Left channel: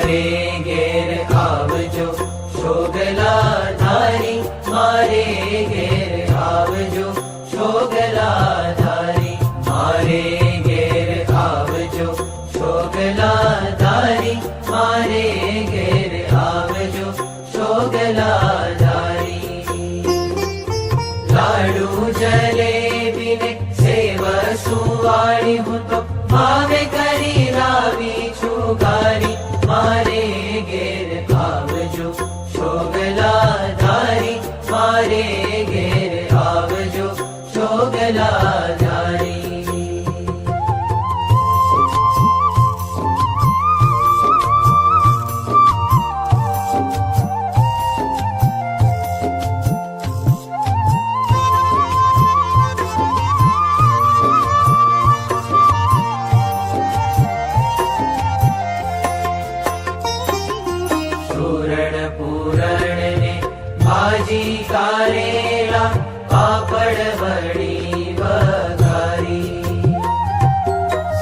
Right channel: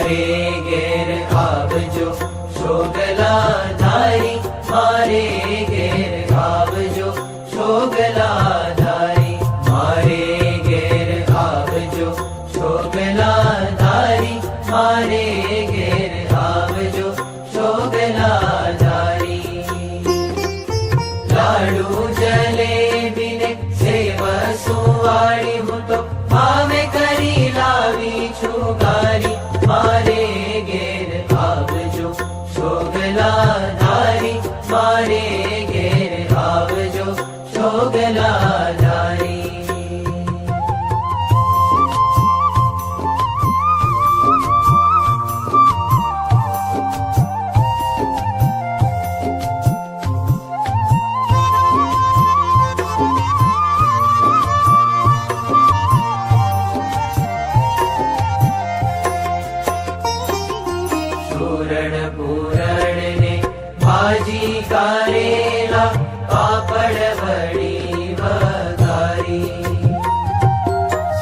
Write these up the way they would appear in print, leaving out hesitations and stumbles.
મારે ઘેર આવજો શોગલા ધારી, મારે ઘેર આવજો શોગલા ધારી, મારે ઘેર આવજો શોગલા ધારી, મારે ઘેર આવજો શોગલા ધારી. લાડુ જલેબી ને સેવ સુવાળી હું તો ભાવે કરી લાવી છું ગારી, મારે ઘેર આવજો શોગલા ધારી, મારે ઘેર આવજો શોગલા ધારી. પૂરણ ને ભાજી કારેલા પાપડ વડી વઘારી,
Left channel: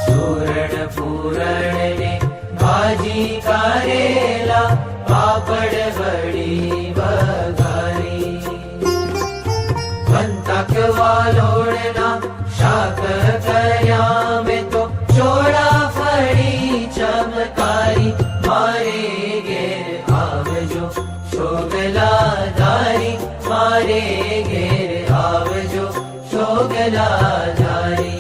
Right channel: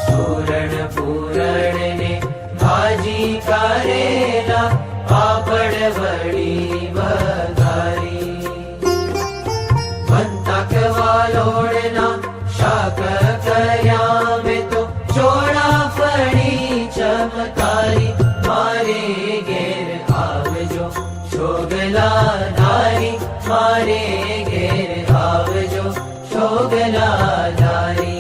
સુરણ પૂરણ ને ભાજી કારેલા પાપડ વડી વઘારી. બંતક વાલોડના શાક કર્યા મેં તો ચોળાફળી ચમકારી, મારે ઘેર આવજો શોગલા ધારી, મારે ઘેર આવજો શોગલા ધારી.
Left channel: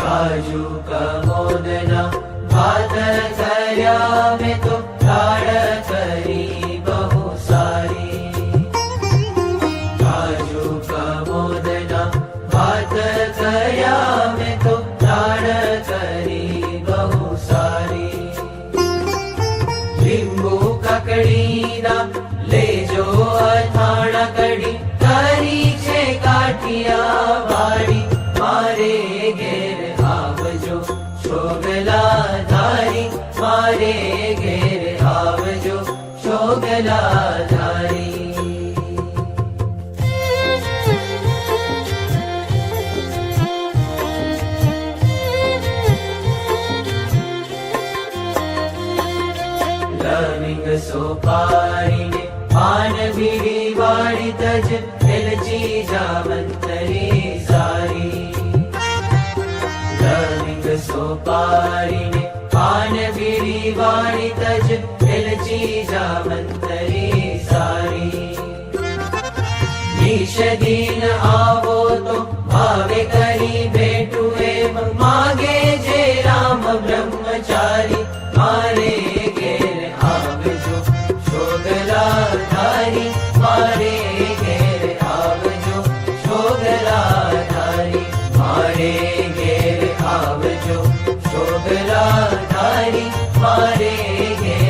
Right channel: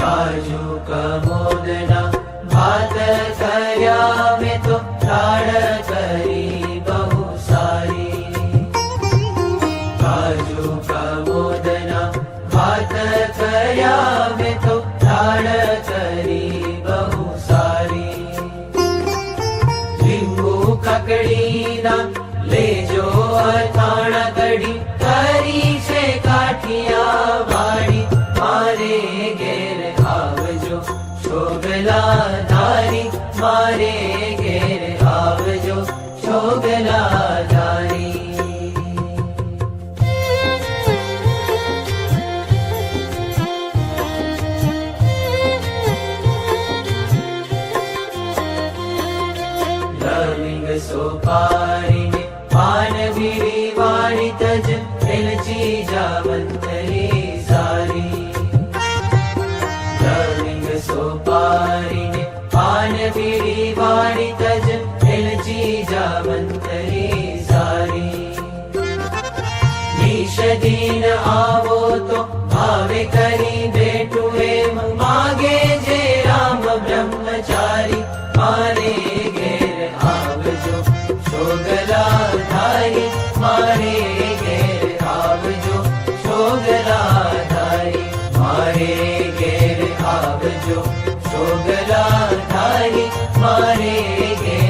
કાજુ કમોદના ભાત કર્યા મેં તો દાળ કરી બહુ સારી, કાજુ કમોદના ભાત કર્યા મેં તો દાળ કરી બહુ સારી. લીંબુ કકડીના લેજો અથાણા કડી કરી છે કાઠિયા વાડી, મારે ઘેર આવજો શોગલા ધારી, મારે ઘેર આવજો શોગલા ધારી. લવિંગ સોપારીને પાન ભીડી વાળી તજ એલચી જાવંતરી સારી, લવિંગ સોપારીને પાન ભીડી વાળી તજ એલચી જાવંતરી સારી. નિષદીન આવો તો ભાવે કરી બેઠું એમ માગે જે રામ બ્રહ્મચારી, મારે ઘેર આવજો શોગલા ધારી, મારે ઘેર આવજો શોગલા ધારી, મારે ઘેર આવજો શોગલા ધારી, મારે ઘેર